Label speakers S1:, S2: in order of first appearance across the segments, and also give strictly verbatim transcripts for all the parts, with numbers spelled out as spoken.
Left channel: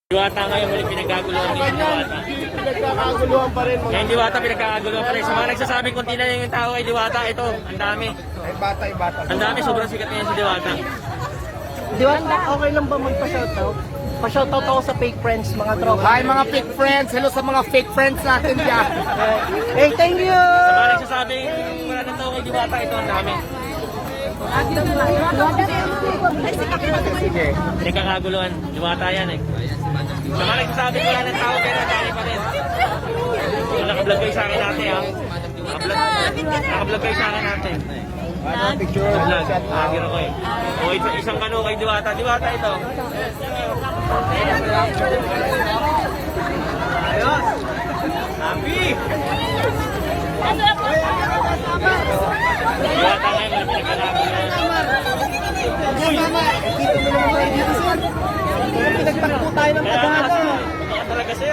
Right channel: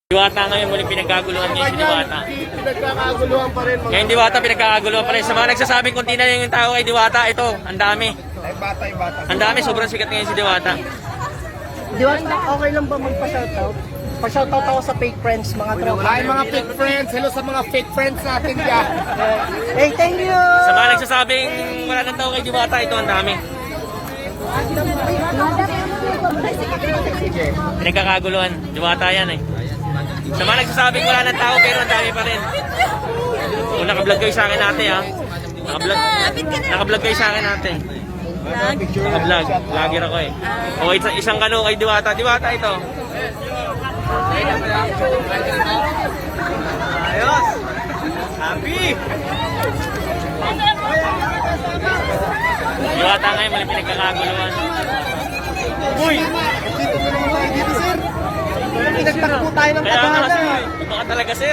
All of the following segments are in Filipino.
S1: Diwata ngayon muli pinagkaguluhan niya si Diwata.
S2: Pinagkakaguluhan pa rin mga...
S1: Ngayon Diwata pinagkakaguluhan pa rin. Sa mga nagsasabing kunti na yung tao kay Diwata, ito, ang dami.
S2: Ay, bata, ay bata.
S1: Ang dami, sobrang sikat ngayon si Diwata.
S3: Diwata, okay lang ba magpa-shoutout? Pa-shoutout ako sa fake friends, mga tropa.
S2: Hi mga fake friends. Hello sa mga fake friends natin dyan.
S3: Hey, thank you!
S1: Sa mga nagsasabing wala ng tao kay Diwata, ito ang dami.
S2: Sige.
S1: Pinagkakaguluhan, Diwata yan eh. Sa mga nagsasabing wala ng tao pero ang dami pa rin. Kung nakablog kayo sa akin natin ha. Nakablog, nakablog kayo sa akin natin.
S2: Picture.
S1: Vlog, vlogger ako eh. O isang, isang kano kay Diwata. Diwata ito. Ayos! Happy! Diwata ngayon may pinagkakaguluhan.
S2: Uy, dito na naman tayo dito, sir.
S3: Pinagtakbo tayo ng
S1: Kaya nga
S3: tagana.
S1: kasi, totoo talaga sir.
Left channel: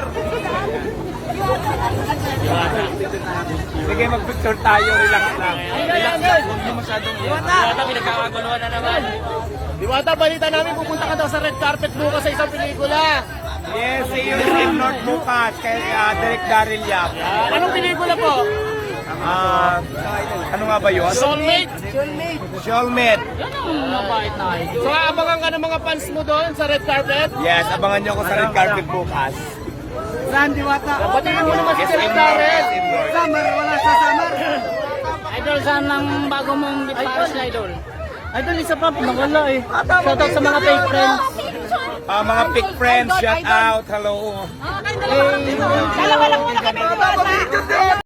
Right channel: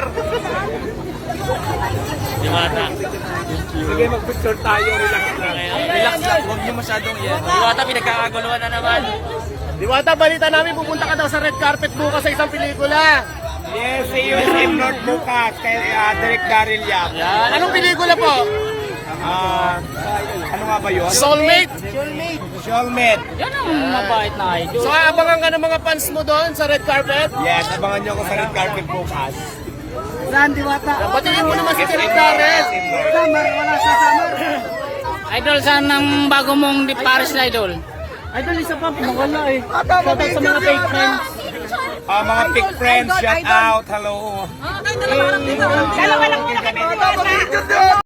S1: Diwata.
S2: Sige, mag-picture tayo. Relax na.
S1: Relax, huwag mo masyadong yan. Diwata, pinagkakaguluhan na naman.
S2: Diwata, balita namin pupunta ka daw sa red carpet bukas sa isang pelikula. Yes, see you in North bukas kay uh, Derek Daryl Yap. Anong pelikula po? Ah, ano nga ba yun? Soulmate.
S3: Soulmate.
S2: Soulmate.
S1: Mabait na idol.
S2: So, abangan ka ng mga fans mo doon sa red carpet? Yes, abangan nyo ako sa red carpet bukas.
S3: Saan, Diwata?
S2: Batiin mo naman sa Derek Daryl.
S3: Summer, wala sa summer.
S4: Idol, saan ang bago mong di Paris na idol?
S3: Idol, isa pa, nawala eh. Shoutout sa mga fake friends.
S2: Ah, mga fake friends, shout out, hello.
S3: Eh,